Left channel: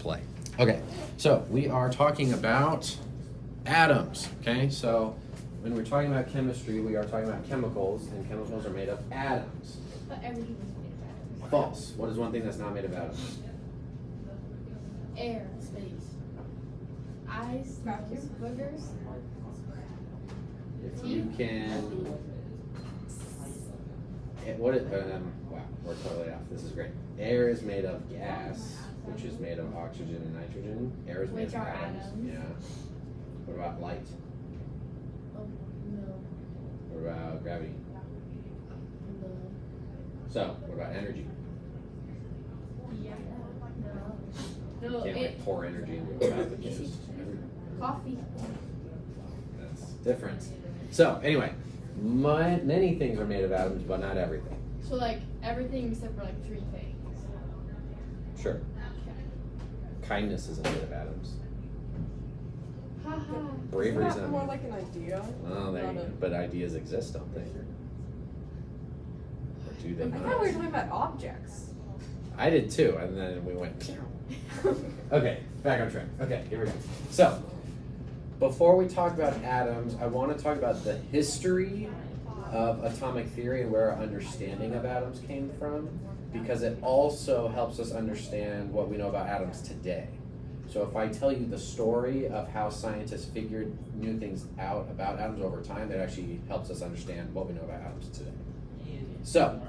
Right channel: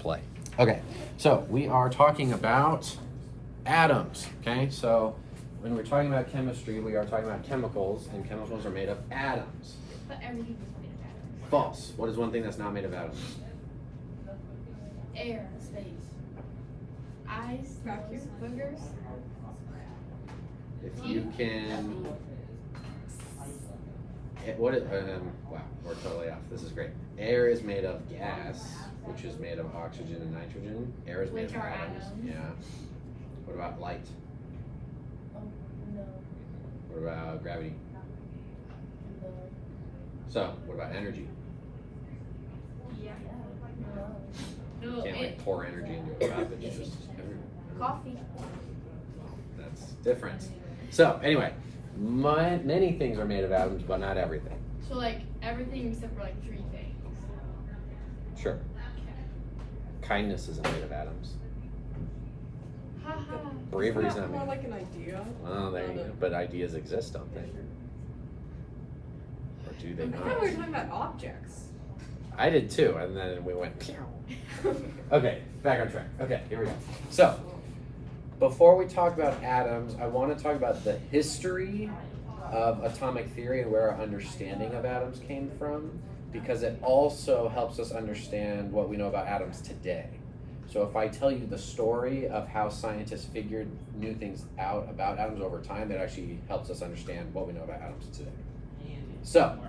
play. Okay, so we are talking about atoms, okay? So when we're talking about chemistry, we are talking about chemicals, and chemicals are made of atoms. But everything is made of atoms. False. What is one thing that's not made of atoms? Air, space. Ice, Vacuum. boogers. If you can... What is, wow, we're totally off. This is great. Air is made of gas, which is made of oxygen and nitrogen. Air is made Which of are atoms. atoms. Yeah. What about light? Oh, no. What about gravity? No. So, what about energy? Yeah. No. No, You can't like pour energy into a cup. It's just coffee. that's different. So, anyway, many things are made of atoms, but not everything. So like everything except for like 3 things. Sure. Okay. Kindness isn't made of atoms. Haha. Bravery is Isn't that not. more like an idea? Well, there you go. But ideas exist, don't they? Or do they I thought we were not? talking about objects. I did too, and then we went. Okay, back on track. Okay, here we go. So, before we talk about atoms, I want to talk about the history of atomic theory and where our understanding of atoms came from, because it also helps us understand what we know about atoms today. So if I tell you the story of how scientists figured new things out about atoms over time, that actually helps us understand what we know about atoms today. So,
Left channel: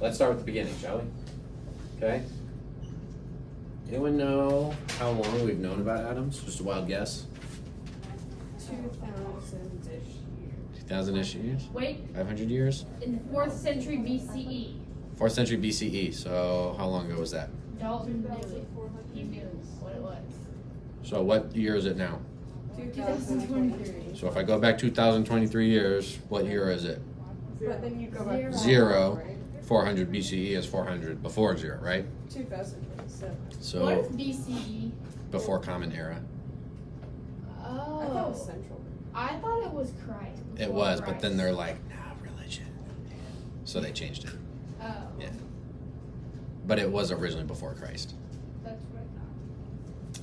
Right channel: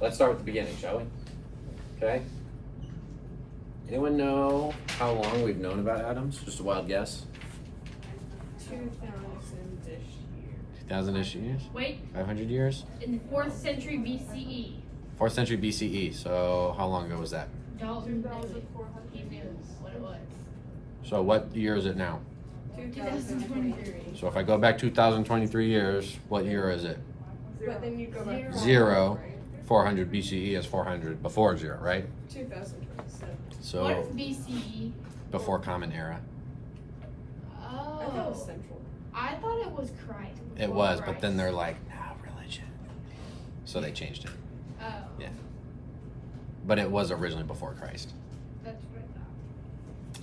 let's start with the beginning, shall we? Okay. Anyone know how long we've known about atoms? Just a wild guess. 2000-ish. 2,000-ish years? Wait, 500 years? in the 4th century BCE, 4th century BCE. So how long ago was that? Dalton knew it. He knew what it was. So what year is it now? 2023. So if I go back 2,023 years, what year is it? But then you go back to Zero. 400 BCE is 400 before zero, right? 2027. What So is BCE? before Common Era. I thought it was Oh, central. I thought it was Christ. It before was, but Christ. then they're like, nah, religion. So they changed it. Oh, Yeah. But it was originally before Christ. that's what I thought.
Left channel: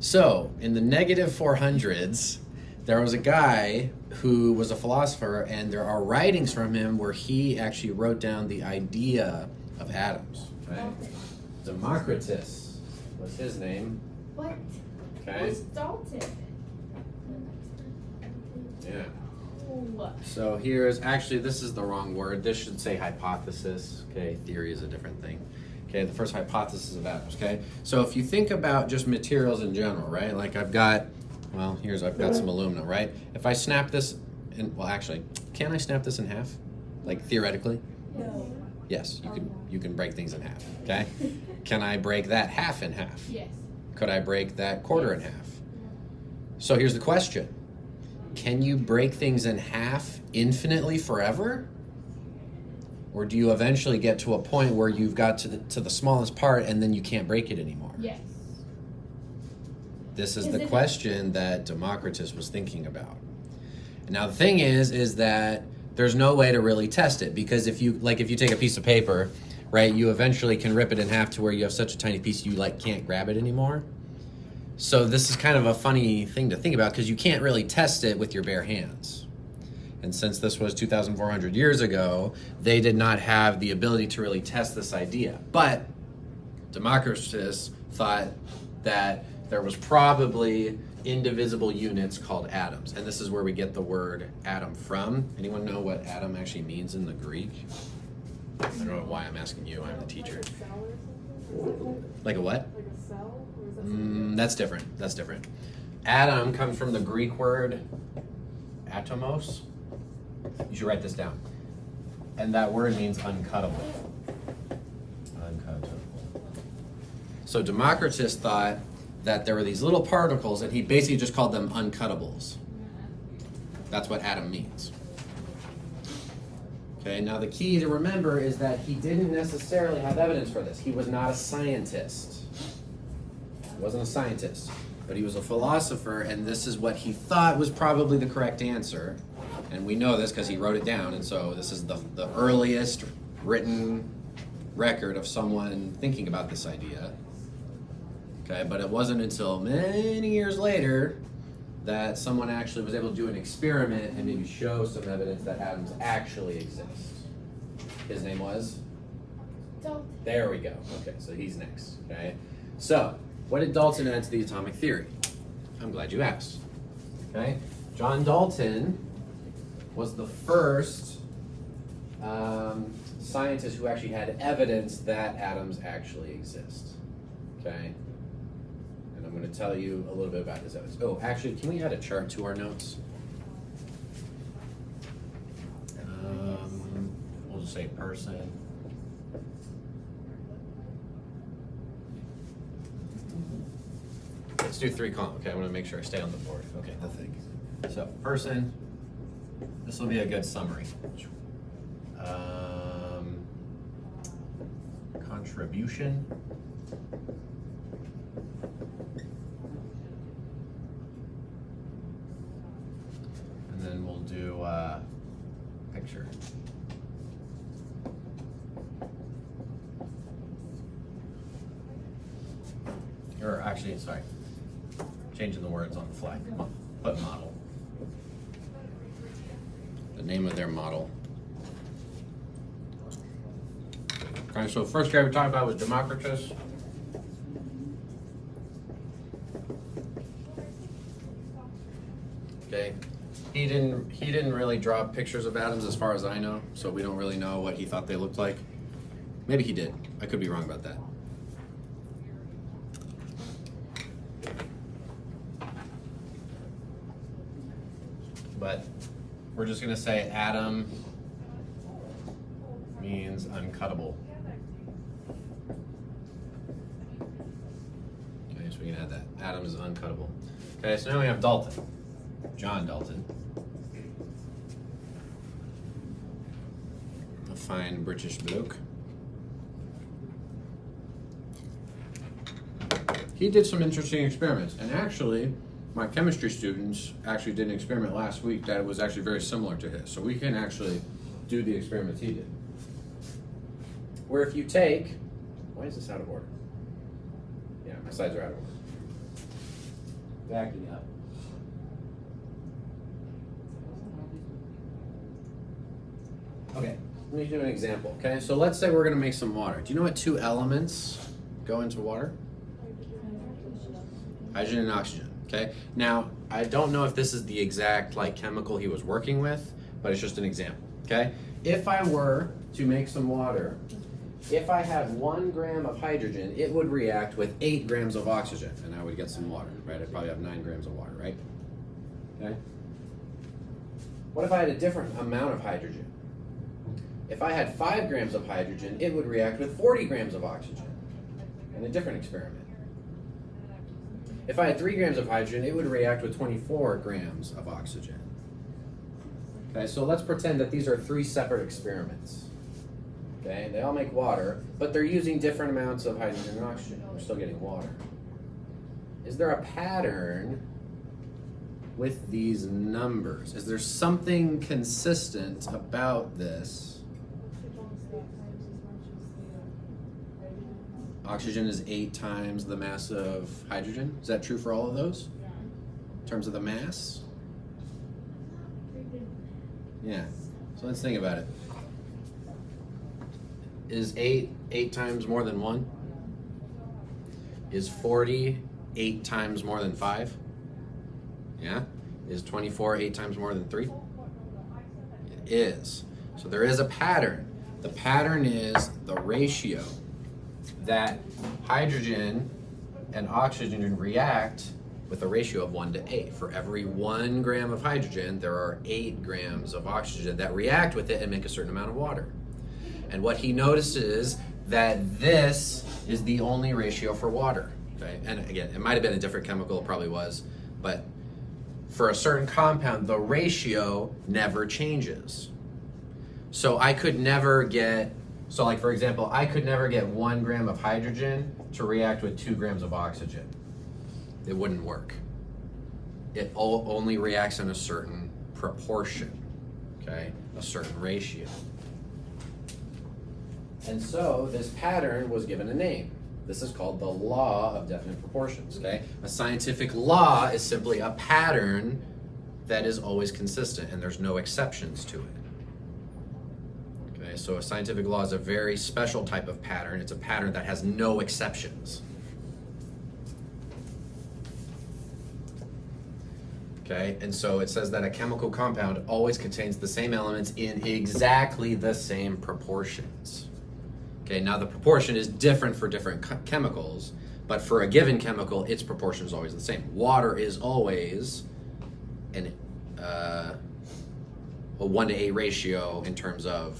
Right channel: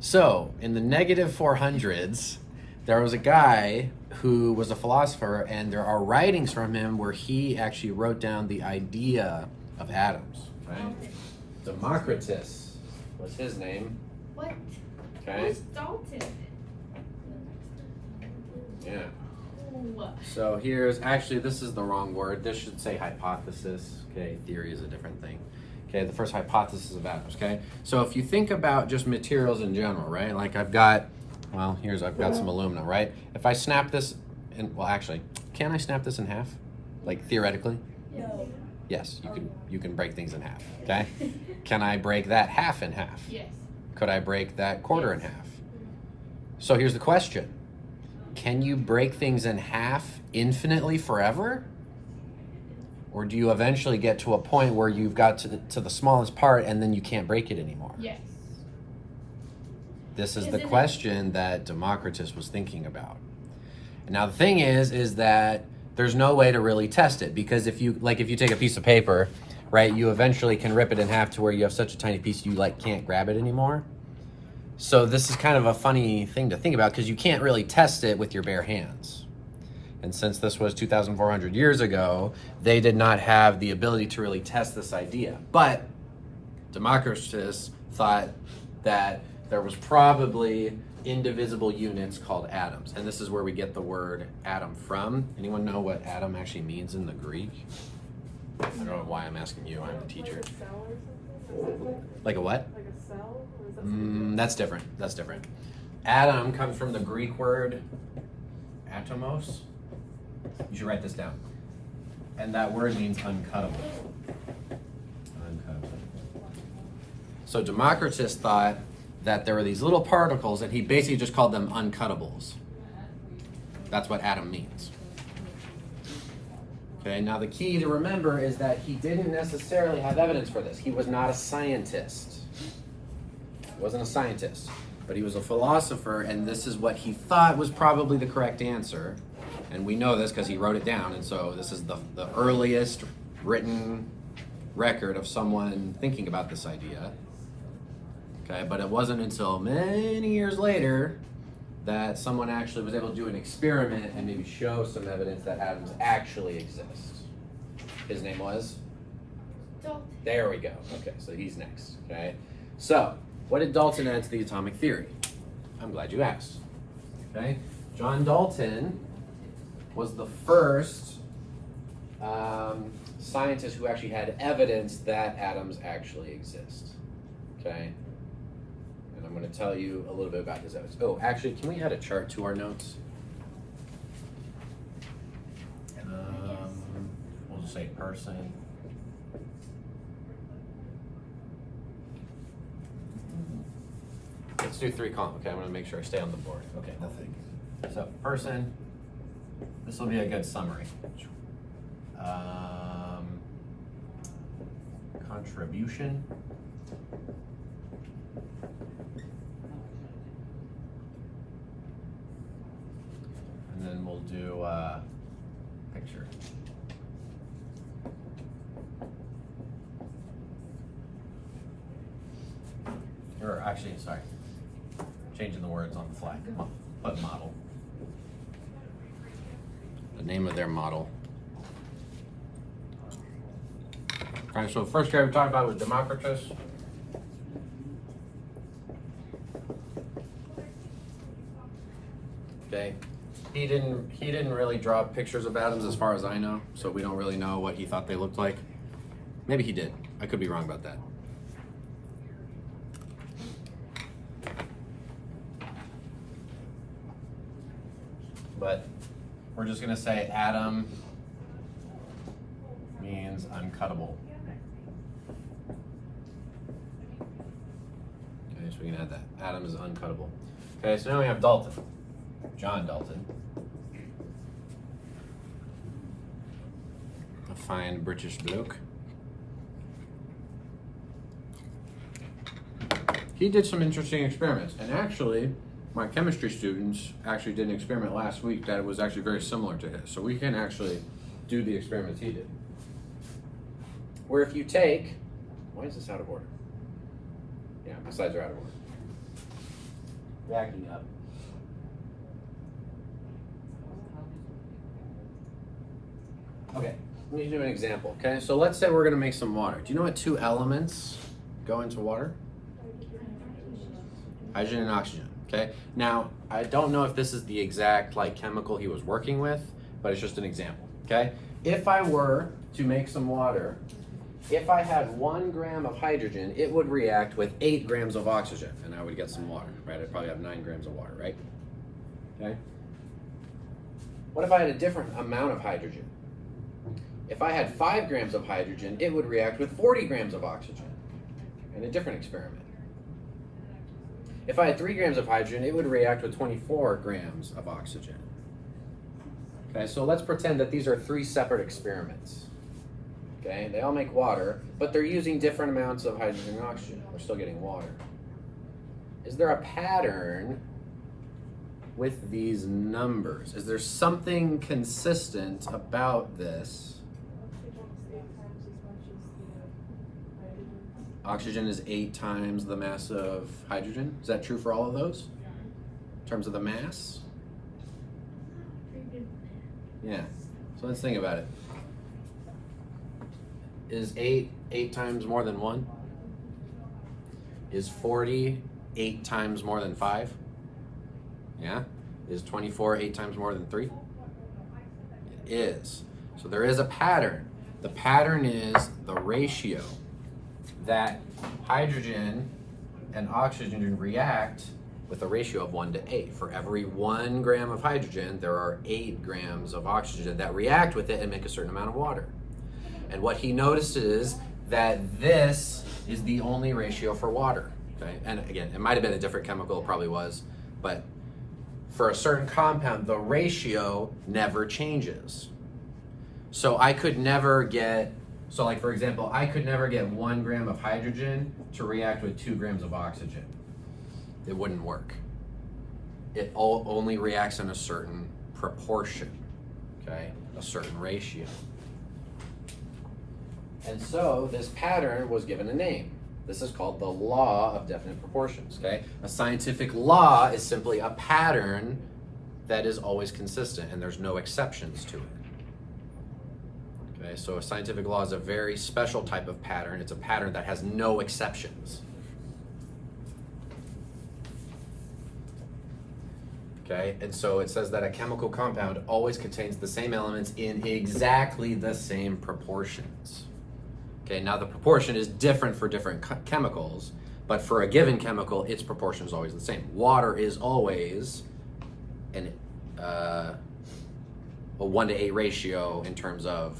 So, in the negative 400s, there was a guy who was a philosopher, and there are writings from him where he actually wrote down the idea of atoms, right? Democritus was his name, What? okay? Who's Dalton? Yeah. Ooh. So here's, actually, this is the wrong word. This should say hypothesis, okay? Theory is a different thing. Okay, the first hypothesis of atoms, okay? So if you think about just materials in general, right? Like I've got some aluminum, right? If I snap this, well actually, can I snap this in half? Like theoretically? No. Yes, you can break things in half, okay? Can I break that half in half? Yes. Could I break that quarter in half? So here's the question. Can you break things in half infinitely forever? Or do you eventually get to a point where you've got to the smallest part and then you can't break it anymore? Yes. This is the Isn't it- question that Democritus was thinking about. Now the thing is that there's no way to really test it, because if you take a piece of paper, right, you eventually can rip it in half to where you have such a tiny piece you can't grab it anymore. So this is kind of a funny thing to think about, because you can't really test it with your bare hands. And since this was 2,400 years ago, they did not have the ability to really test this idea. But Democritus thought that there was probably indivisible units called atoms. And this is where we get the word atom from. Anyone know what atom actually means in the Greek? I don't know why I'm asking you, I'm the teacher. Like a what? Like a cell? Or is that something That's different. That's different. Atom comes from the Greek word atomos. You should write this down. And that word means uncuttable. Uncuttable. So Democritus thought that there were these little particles, and he basically just called them uncuttables. That's what atom means. Okay, now the key to remember is that he didn't necessarily have evidence for this. He was not a scientist. He wasn't a scientist, but he was a philosopher, and this is what he thought was probably the correct answer. And we know this because he wrote it down, and so this is the earliest written record of someone thinking about this idea. Okay, but it wasn't until many years later that someone actually was able to do an experiment and maybe show some evidence that atoms actually exist. His name was? Dalton. There we go. Okay, so he's next. Okay, so what did Dalton add to the atomic theory? I'm glad you asked. Okay, John Dalton was the first scientist who actually had evidence that atoms actually exist. Okay, and I'm going to tell you a little bit about his evidence. Oh, actually, can we add a chart to our notes? We'll just say person. Let's do 3 column. Okay, I want to make sure I stay on the board. Okay, nothing. So person. This will be a good summary. Contribution. And then we'll do picture. Or actually, sorry, changing the words on the fly. Put model. The name of their model. All right, so the first guy we talked about was Democritus. Okay, he didn't really draw pictures of atoms as far as I know, so we don't really know what he thought they looked like. Maybe he did. I could be wrong about that. But we're just gonna say atom means uncuttable. Okay, so we can add that. Atom is uncuttable. Okay, so now we have Dalton. John Dalton. A fine British bloke. He did some interesting experiments, and actually, my chemistry students actually did an experiment last week that was actually very similar to his. So we can actually do the experiments he did. Where if you take, why is this out of order? Yeah, my slides are out of order. Backing up. Okay, let me do an example, okay? So let's say we're gonna make some water. Do you know what 2 elements go into water? Hydrogen and oxygen, okay? Now, I don't know if this is the exact chemical he was working with, but it's just an example, okay? If I were to make some water, if I had 1 gram of hydrogen, it would react with 8 grams of oxygen, and I would get some water, right? I'd probably have 9 grams of water, right? Okay? What if I had a different amount of hydrogen? If I had 5 grams of hydrogen, it would react with 40 grams of oxygen in a different experiment. If I had 3 grams of hydrogen, it would react with 24 grams of oxygen. Okay, so let's pretend that these are 3 separate experiments. Okay, they all make water, but they're using different amounts of hydrogen and oxygen. We're still getting water. Is there a pattern with these numbers? Is there something consistent about this? Oxygen is 8 times the mass of hydrogen. Is that true for all of those? In terms of the mass? Yeah. So let's think about it. Is 8 times more than 1? Is 40 8 times more than 5? Yeah. Is 24 8 times more than 3? It is. So there is a pattern. The pattern is the ratio that hydrogen and oxygen react with a ratio of 1 to 8. For every 1 gram of hydrogen, there are 8 grams of oxygen that react with it and make a certain amount of water. And what he notices that this is the only ratio for water. Okay? And again, it might have been a different chemical, it probably was, but for a certain compound, the ratio never changes. So I could never get, so like for example, I could never get 1 gram of hydrogen to react with 2 grams of oxygen. It wouldn't work. It only reacts in a certain proportion, okay? A certain ratio. And so this pattern was given a name. This is called the law of definite proportions, okay? A scientific law is simply a pattern that is always consistent and there's no exceptions to it. Okay, so a scientific law is a very special type of pattern. It's a pattern that has no exceptions. Okay, and so it says that a chemical compound always contains the same elements in exactly the same proportions. Okay, now the proportion is different for different chemicals, but for a given chemical, its proportion is always the same. Water is always a 1-to-8 ratio in terms of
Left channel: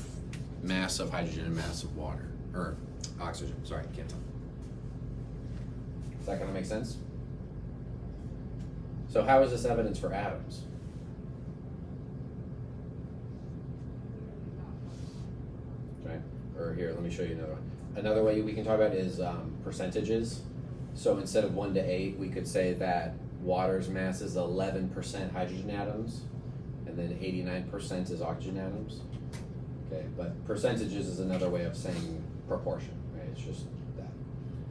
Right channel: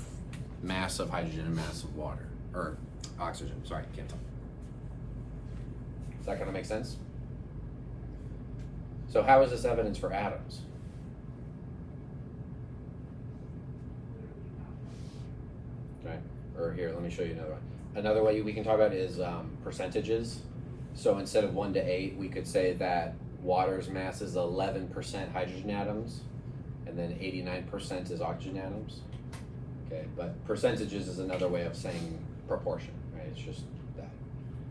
mass of hydrogen and mass of water, or oxygen, sorry, can't tell. Is that gonna make sense? So how is this evidence for atoms? Okay, or here, let me show you another one. Another way we can talk about is percentages. So instead of 1 to 8, we could say that water's mass is 11% hydrogen atoms, and then 89% is oxygen atoms. Okay, but percentages is another way of saying proportion, right? It's just that.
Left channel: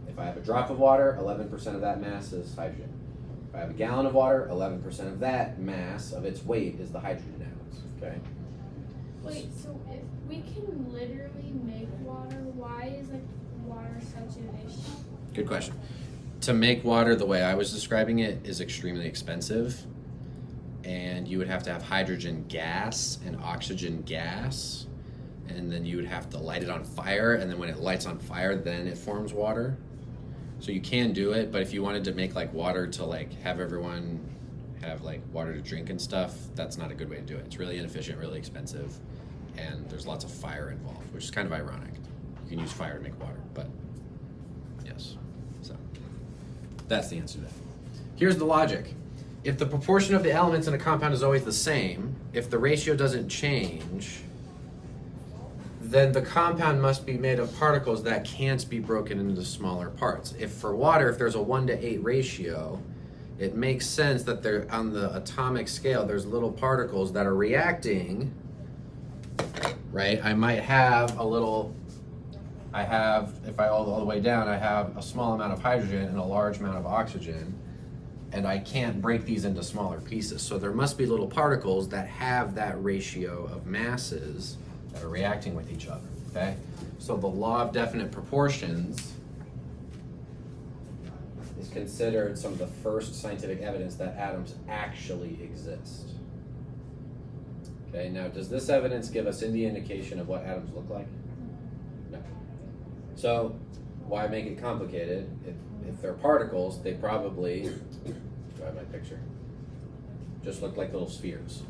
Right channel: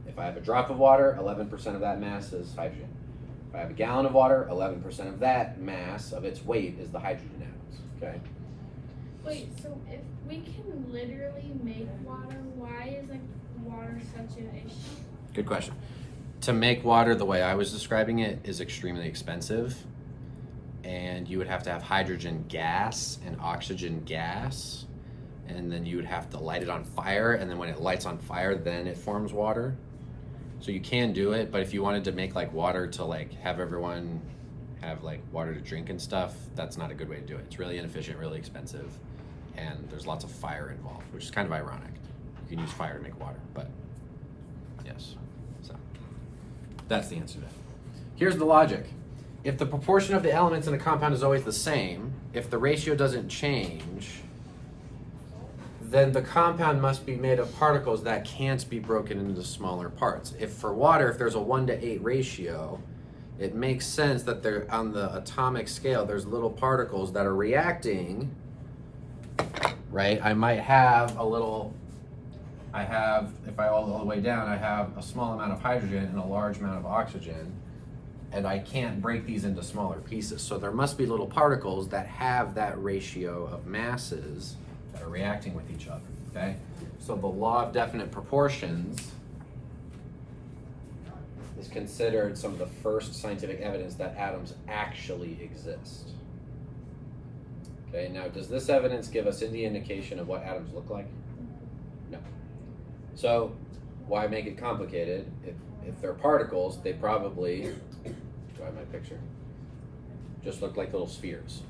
If I have a drop of water, 11% of that mass is hydrogen. If I have a gallon of water, 11% of that mass of its weight is the hydrogen atoms, okay? Wait, so if we can literally make water, why is like water such an issue? Good question. To make water the way I was describing it is extremely expensive, and you would have to have hydrogen gas and oxygen gas, and then you would have to light it on fire, and then when it lights on fire, then it forms water. So you can do it, but if you wanted to make like water to like have everyone have like water to drink and stuff, that's not a good way to do it. It's really inefficient, really expensive, and there's lots of fire involved, which is kind of ironic. You can use fire to make water, but yes. So that's the answer to that. Here's the logic. If the proportion of the elements in a compound is always the same, if the ratio doesn't change, then the compound must be made of particles that can't be broken into smaller parts. If for water, if there's a 1 to 8 ratio, it makes sense that there on the atomic scale, there's little particles that are reacting, right? I might have if I all the way down, I have a small amount of hydrogen and a large amount of oxygen, and I can't break these into smaller pieces. So there must be little particles that have that ratio of masses that are reacting with each other, okay? So the law of definite proportions is considered some of the first scientific evidence that atoms actually exist. Okay, now does this evidence give us any indication of what atoms look like? No. So why make it complicated? If they're particles, they probably, do I have my picture? Just look like little spheres,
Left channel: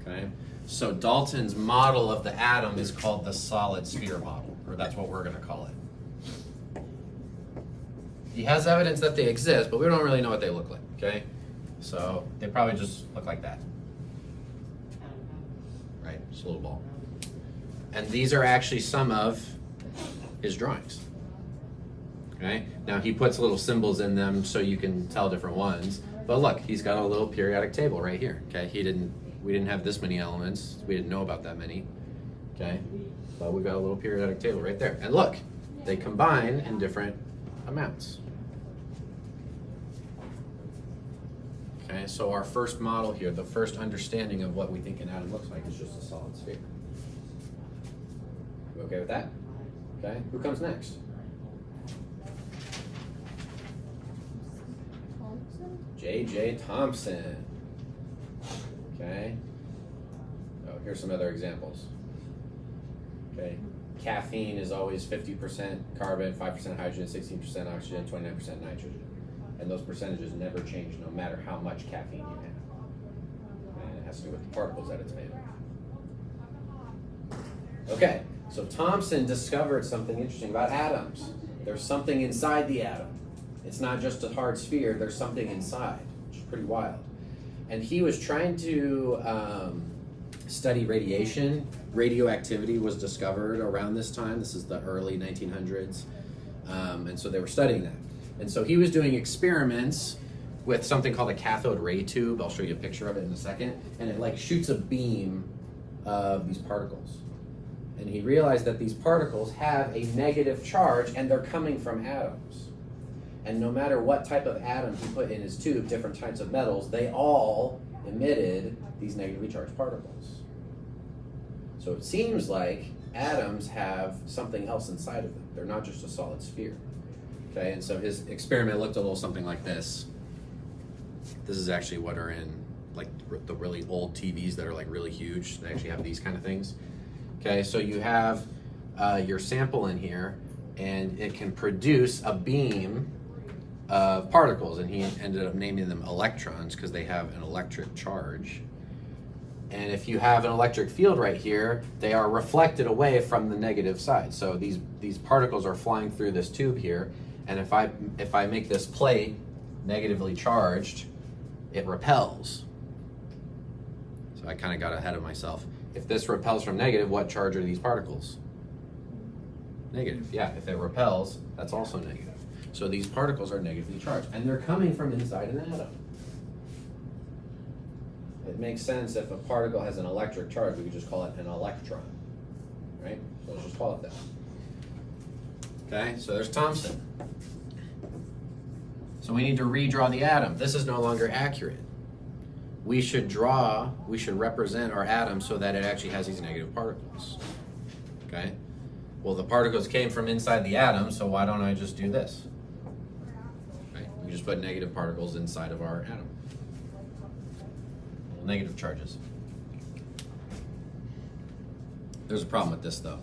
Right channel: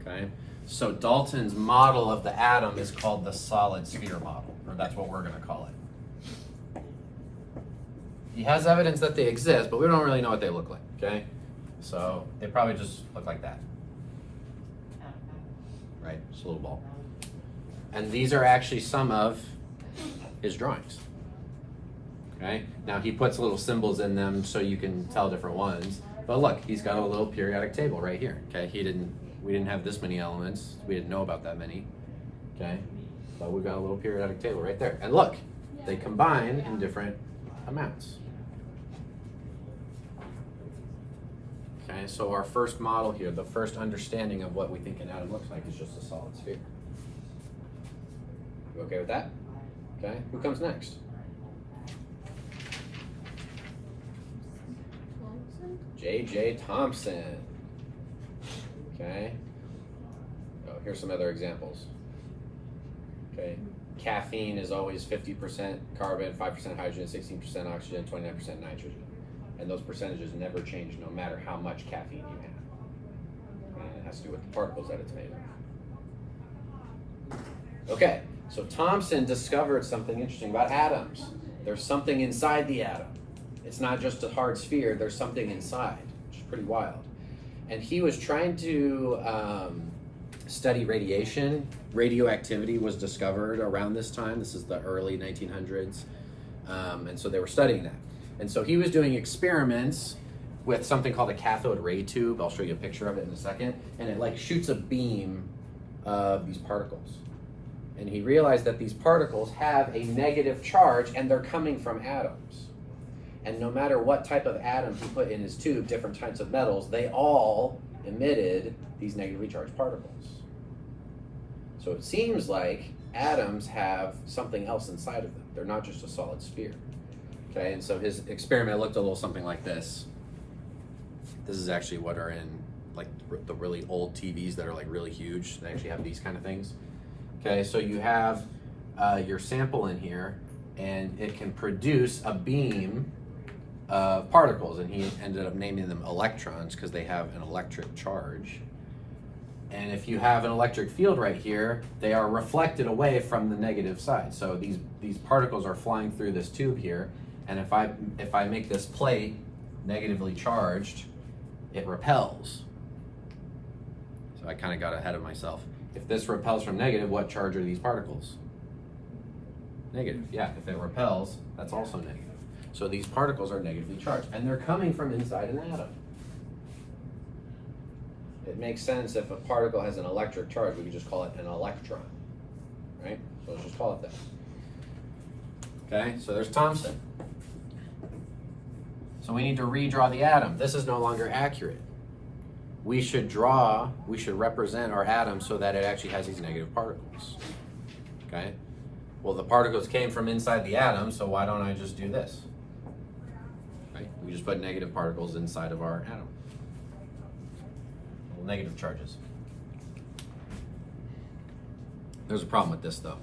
okay? So Dalton's model of the atom is called the solid sphere model, or that's what we're gonna call it. He has evidence that they exist, but we don't really know what they look like, okay? So they probably just look like that. Right, just a little ball. And these are actually some of his drawings. Okay, now he puts little symbols in them so you can tell different ones. But look, he's got a little periodic table right here. Okay, we didn't have this many elements. We didn't know about that many. Okay, but we've got a little periodic table right there. And look, they combine in different amounts. Okay, so our first model here, the first understanding of what we think an atom looks like is just a solid sphere. You okay with that? Okay, who comes next? J.J. Thomson. Okay. Oh, here's some other examples. Okay. Caffeine is always 50% carbon, 5% hydrogen, 16% oxygen, 29% nitrogen. And those percentages never change no matter how much caffeine you have. And it has to do with the particles that it's made of. Okay, so Thomson discovered something interesting about atoms. There's something inside the atom. It's not just a hard sphere, there's something inside, which is pretty wild. And he was trying to study radiation. Radioactivity was discovered around this time. This is the early 1900s. And so they were studying that. And so he was doing experiments with something called a cathode ray tube. I'll show you a picture of it in a second. And it like shoots a beam of these particles And he realized that these particles have a negative charge and they're coming from atoms. And no matter what type of atom he put in his tube, different types of metals, they all emitted these negatively charged particles. So it seems like atoms have something else inside of them. They're not just a solid sphere. Okay, and so his experiment looked a little something like this. This is actually what are in like the really old TVs that are like really huge. They actually have these kind of things. Okay, so you have your sample in here, and it can produce a beam of particles, and he ended up naming them electrons because they have an electric charge. And if you have an electric field right here, they are reflected away from the negative side. So these particles are flying through this tube here, and if I make this plate negatively charged, it repels. So I kind of got ahead of myself. If this repels from negative, what charge are these particles? Negative, yeah. If it repels, that's also negative. So these particles are negatively charged, and they're coming from inside an atom. It makes sense if a particle has an electric charge, we could just call it an electron, right? Let's just call it that. Okay, so there's Thomson. So we need to redraw the atom. This is no longer accurate. We should represent our atom so that it actually has these negative particles. Okay? Well, the particles came from inside the atom, so why don't I just do this? Right? We just put negative particles inside of our atom. Well, negative charges. There's a problem with this though.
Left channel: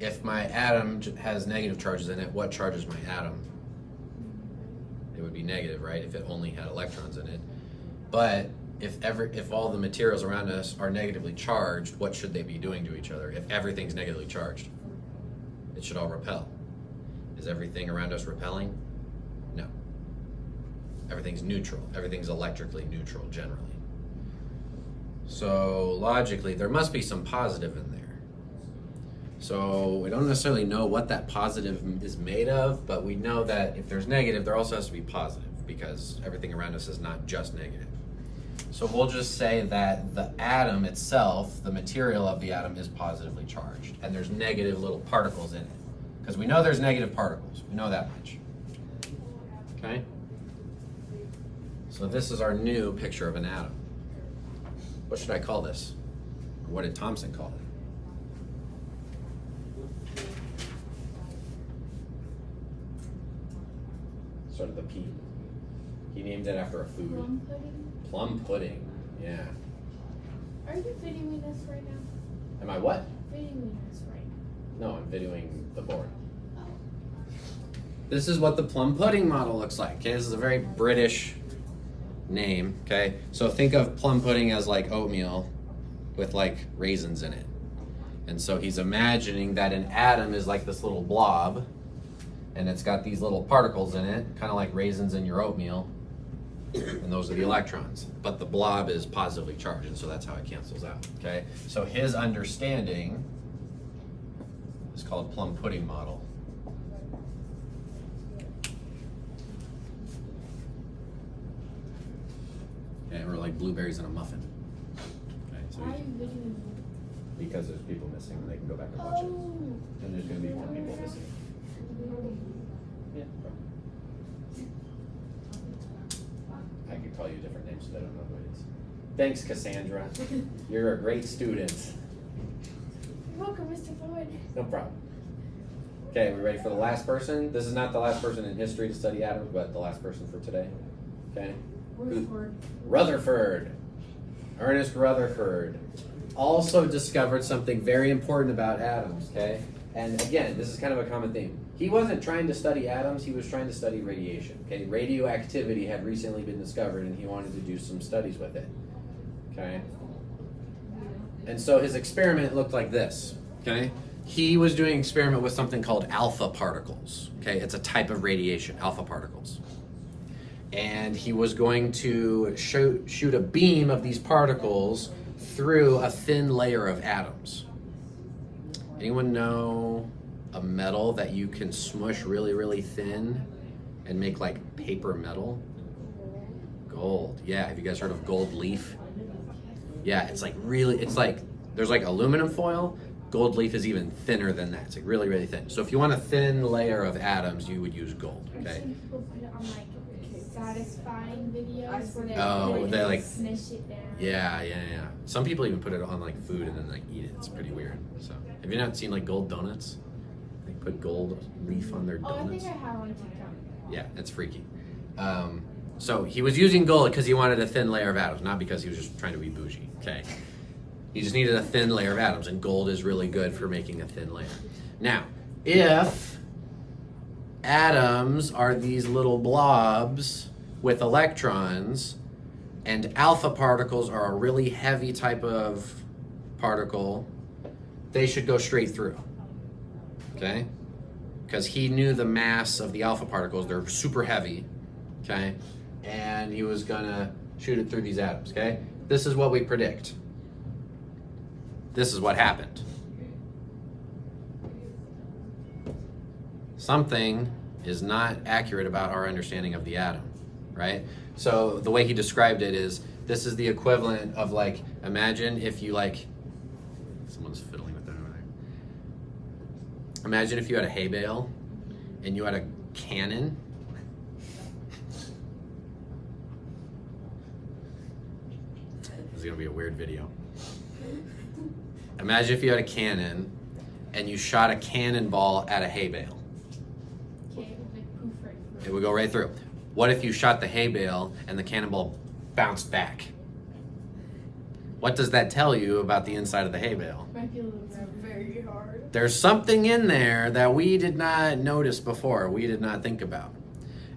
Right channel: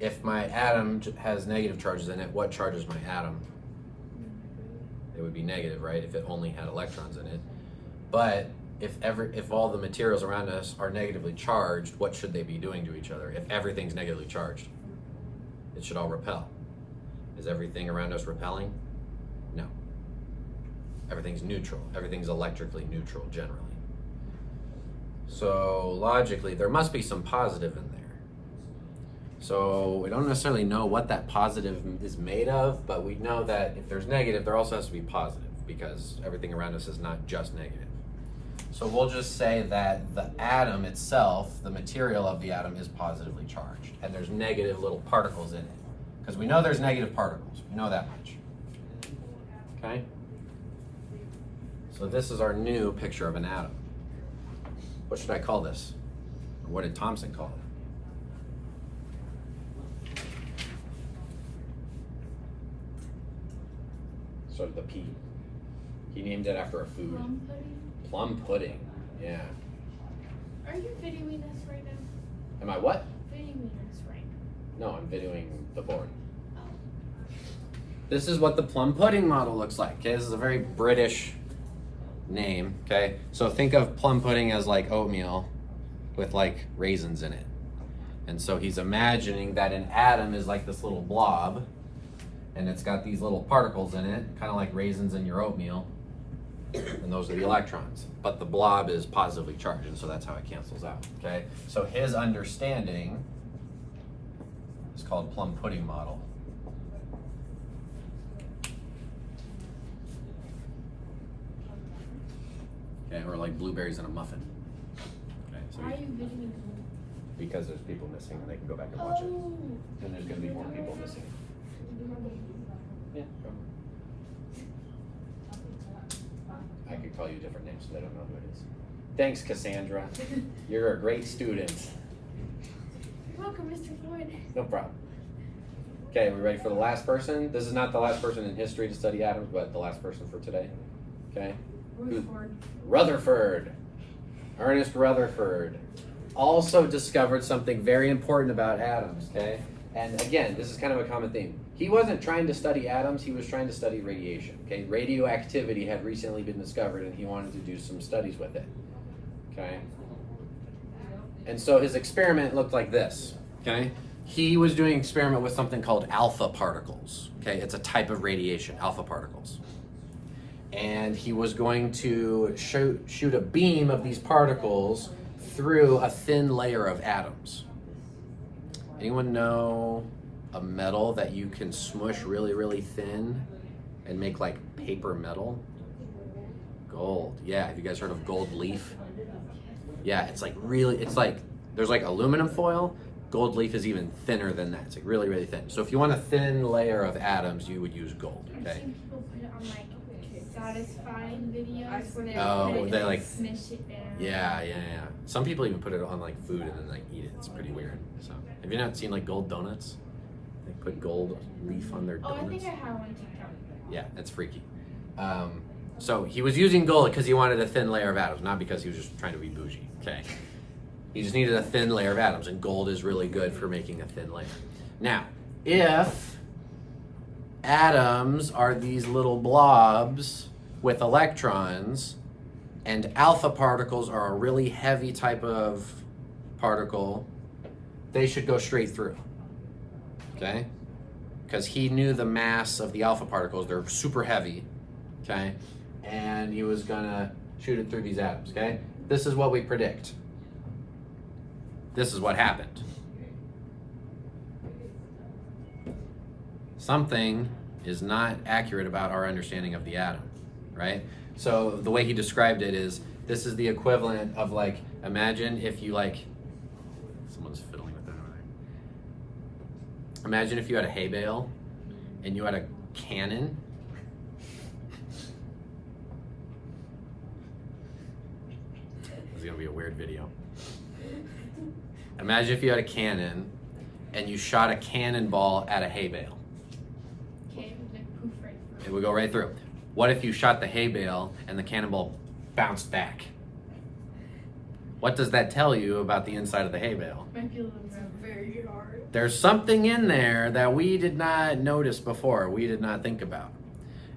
If my atom has negative charges in it, what charges my atom? It would be negative, right? If it only had electrons in it. But if all the materials around us are negatively charged, what should they be doing to each other? If everything's negatively charged, it should all repel. Is everything around us repelling? No. Everything's neutral. Everything's electrically neutral generally. So logically, there must be some positive in there. So we don't necessarily know what that positive is made of, but we know that if there's negative, there also has to be positive because everything around us is not just negative. So we'll just say that the atom itself, the material of the atom, is positively charged, and there's negative little particles in it. Because we know there's negative particles. We know that much. Okay? So this is our new picture of an atom. What should I call this? Or what did Thomson call it? Sort of the P. He named it after a food. Plum pudding? Plum pudding, yeah. Are you videoing us right now? Am I what? Videoing us right now. No, I'm videoing the board. This is what the plum pudding model looks like. Okay, this is a very British name. Okay, so think of plum pudding as like oatmeal with like raisins in it. And so he's imagining that an atom is like this little blob, and it's got these little particles in it, kind of like raisins in your oatmeal. And those are the electrons, but the blob is positively charged, and so that's how it cancels out. Okay, so his understanding is called plum pudding model. Yeah, or like blueberries in a muffin. Okay, so Why are you videoing me? because there's people missing, and they can go back and watch it. Oh. And there's going to be more people missing. Yeah. I could call you different names, but I don't know who it is. Thanks, Cassandra. You're a great student. You're welcome, Mr. Floyd. No problem. Okay, are we ready for the last person? This is not the last person in history to study atoms, but the last person for today. Okay? Rutherford. Rutherford. Ernest Rutherford also discovered something very important about atoms, okay? And again, this is kind of a common theme. He wasn't trying to study atoms, he was trying to study radiation, okay? Radioactivity had recently been discovered and he wanted to do some studies with it, okay? And so his experiment looked like this, okay? He was doing an experiment with something called alpha particles, okay? It's a type of radiation, alpha particles. And he was going to shoot a beam of these particles through a thin layer of atoms. Anyone know a metal that you can smush really, really thin and make like paper metal? Gold. Yeah, have you guys heard of gold leaf? Yeah, it's like There's like aluminum foil. Gold leaf is even thinner than that. It's like really, really thin. So if you want a thin layer of atoms, you would use gold. I've Okay. seen people put it on like satisfying videos where they Oh, put it they and like- smush it down. Yeah. Some people even put it on like food and then like eat it. It's pretty weird. So have you not seen like gold donuts? They put gold leaf on their Oh, I donuts. think I have on TikTok. Yeah, that's freaky. So he was using gold because he wanted a thin layer of atoms, not because he was just trying to be bougie. Okay. He just needed a thin layer of atoms, and gold is really good for making a thin layer. Now, if atoms are these little blobs with electrons, and alpha particles are a really heavy type of particle, they should go straight through. Okay? Because he knew the mass of the alpha particles, they're super heavy. Okay? And he was gonna shoot it through these atoms. Okay? This is what we predict. This is what happened. Something is not accurate about our understanding of the atom, right? So the way he described it is, this is the equivalent of like, imagine if you like, someone's fiddling with that over there. Imagine if you had a hay bale and you had a cannon. This is gonna be a weird video. Imagine if you had a cannon and you shot a cannonball at a hay bale. Okay, it would like poof right It through. would go right through. What if you shot the hay bale and the cannonball bounced back? What does that tell you about the inside of the hay bale? Might be a little bit. Very hard. There's something in there that we did not notice before, we did not think about.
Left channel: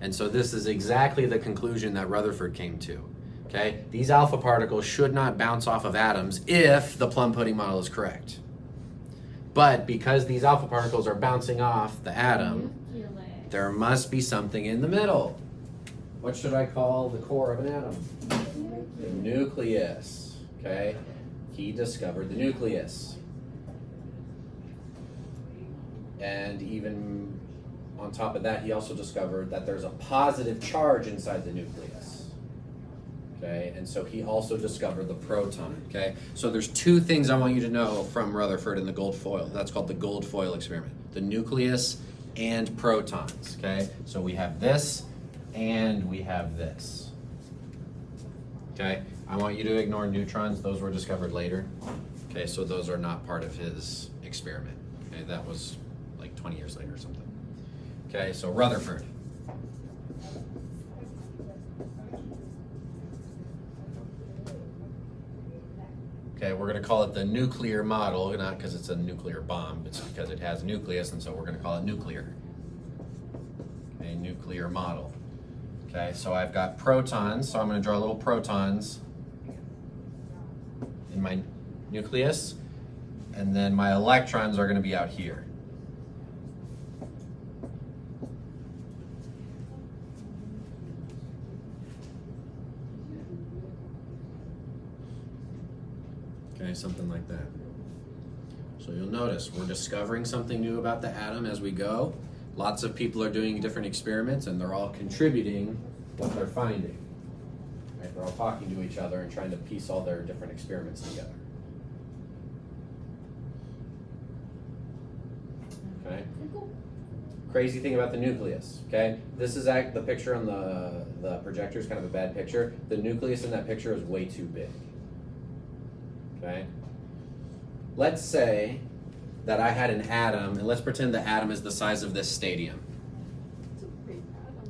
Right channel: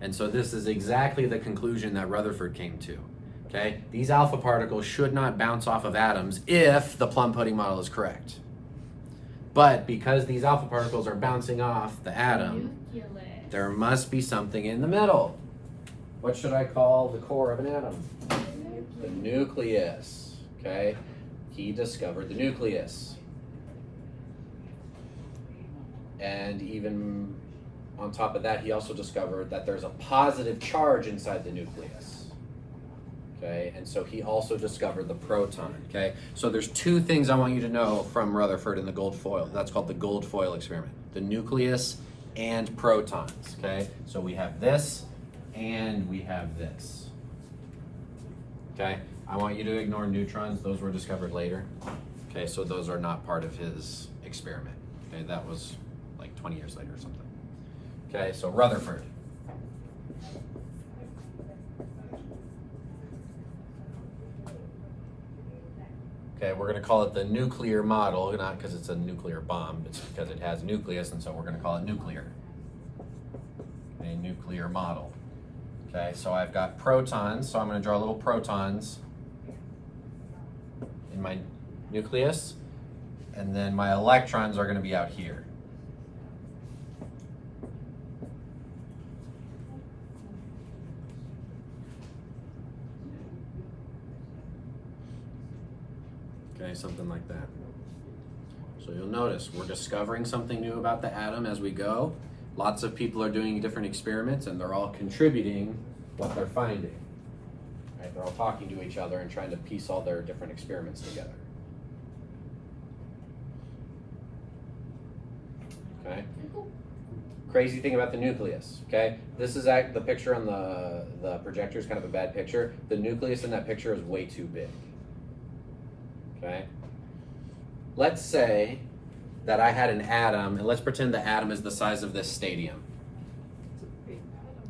And so this is exactly the conclusion that Rutherford came to. Okay? These alpha particles should not bounce off of atoms if the plum pudding model is correct. But because these alpha particles are bouncing off the atom, Nucleus. there must be something in the middle. What should I call the core of an atom? The nucleus. Okay? He discovered the nucleus. And even on top of that, he also discovered that there's a positive charge inside the nucleus. Okay, and so he also discovered the proton. Okay, so there's two things I want you to know from Rutherford and the gold foil. That's called the gold foil experiment: the nucleus and protons. Okay, so we have this and we have this. Okay, I want you to ignore neutrons; those were discovered later. Okay, so those are not part of his experiment. Okay, that was like 20 years later or something. Okay, so Rutherford. Okay, we're going to call it the nuclear model, not because it's a nuclear bomb, it's because it has a nucleus, and so we're going to call it nuclear. A nuclear model. Okay, so I've got protons, so I'm going to draw little protons in my nucleus, and then my electrons are going to be out here. Okay, something like that. So you'll notice we're discovering something new about the atom as we go. Lots of people are doing different experiments and they're all contributing what they're finding. Right? They're all talking to each other and trying to piece all their different experiments together. Okay? Crazy thing about the nucleus, okay? This is the picture on the projector is kind of a bad picture. The nucleus in that picture is way too big. Okay? Let's say that I had an atom, and let's pretend the atom is the size of this stadium. It's a big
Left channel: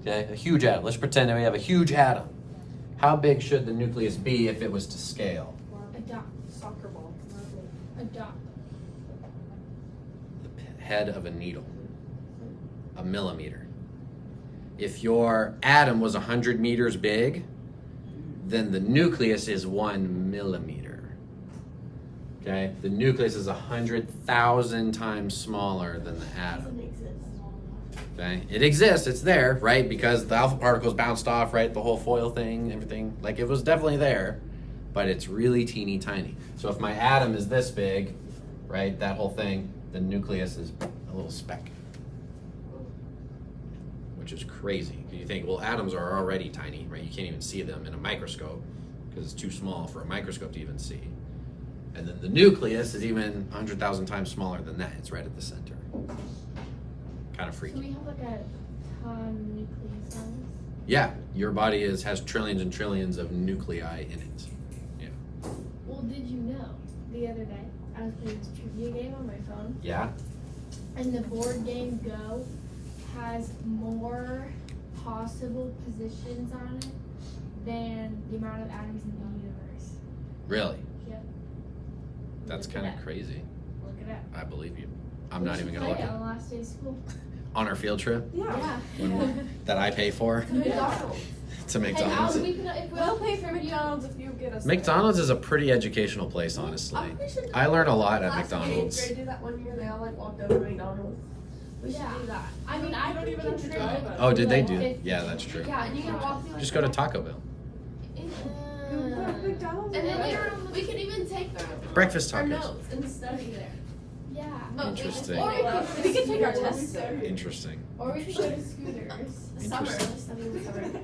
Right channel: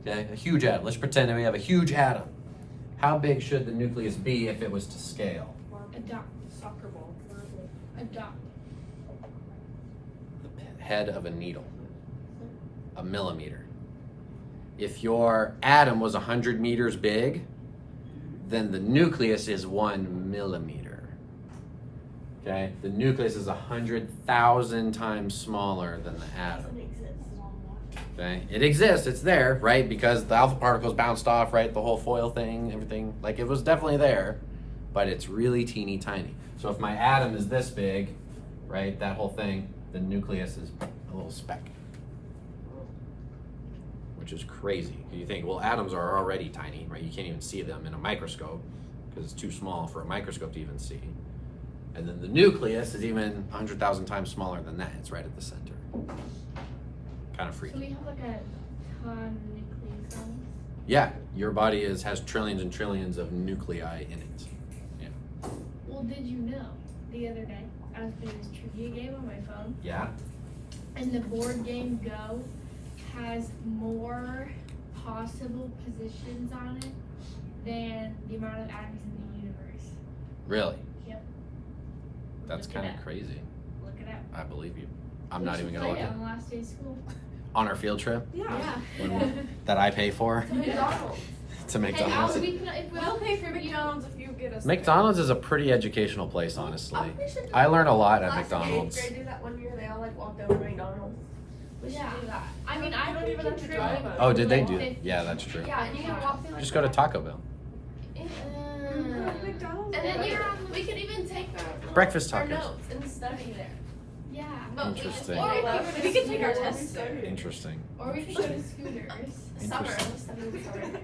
atom. Okay, a huge atom. Let's pretend that we have a huge atom. How big should the nucleus be if it was to scale? A dot. Soccer ball. A dot. The head of a needle. A millimeter. If your atom was 100 meters big, then the nucleus is 1 millimeter. Okay? The nucleus is 100,000 times smaller than the atom. Okay? It exists, it's there, right? Because the alpha particles bounced off, right? The whole foil thing, everything. Like, it was definitely there, but it's really teeny tiny. So if my atom is this big, right, that whole thing, the nucleus is a little speck. Which is crazy. You think, well, atoms are already tiny, right? You can't even see them in a microscope because it's too small for a microscope to even see. And then the nucleus is even 100,000 times smaller than that. It's right at the center. Kind of So freaky. we have like a ton of nuclear cells. Yeah, your body has trillions and trillions of nuclei in it. Yeah. Well, did you know the other day I was playing this trivia game on my phone, Yeah? and the board game Go has more possible positions on it than the amount of atoms in the universe. Really? Yep. That's Look it kind of up. crazy. Look it up. I believe you. I'm We not should even going to play look it at on the last day of school. on our field trip Yeah. that I pay for McDonald's. to And now McDonald's. we can, if We'll pay for McDonald's if you get us. McDonald's is a pretty educational place, honestly. I learn a lot at McDonald's. Grade did that one year. They all like walked over to McDonald's. We should Yeah. do that. I mean, I don't can even have to contribute. drive us. Oh, did they like do? 50. Yeah, that's true. Yeah, you can walk through. Just go to Taco Bell. McDonald's. And then we could even take Breakfast our tacos. notes and study there. Yeah. Interesting. Or we could take our tests there. Interesting. Or we could go to Scooters. Summer. Interesting. Let's study in the summer.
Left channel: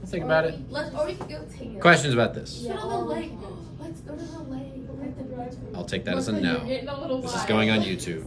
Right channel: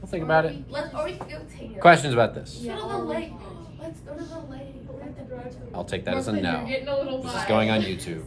We'll think about it. Or we could go take Questions about this? Go to the lake. Let's go to the lake. I'll take that as a no. Getting a little This is wild. going on YouTube.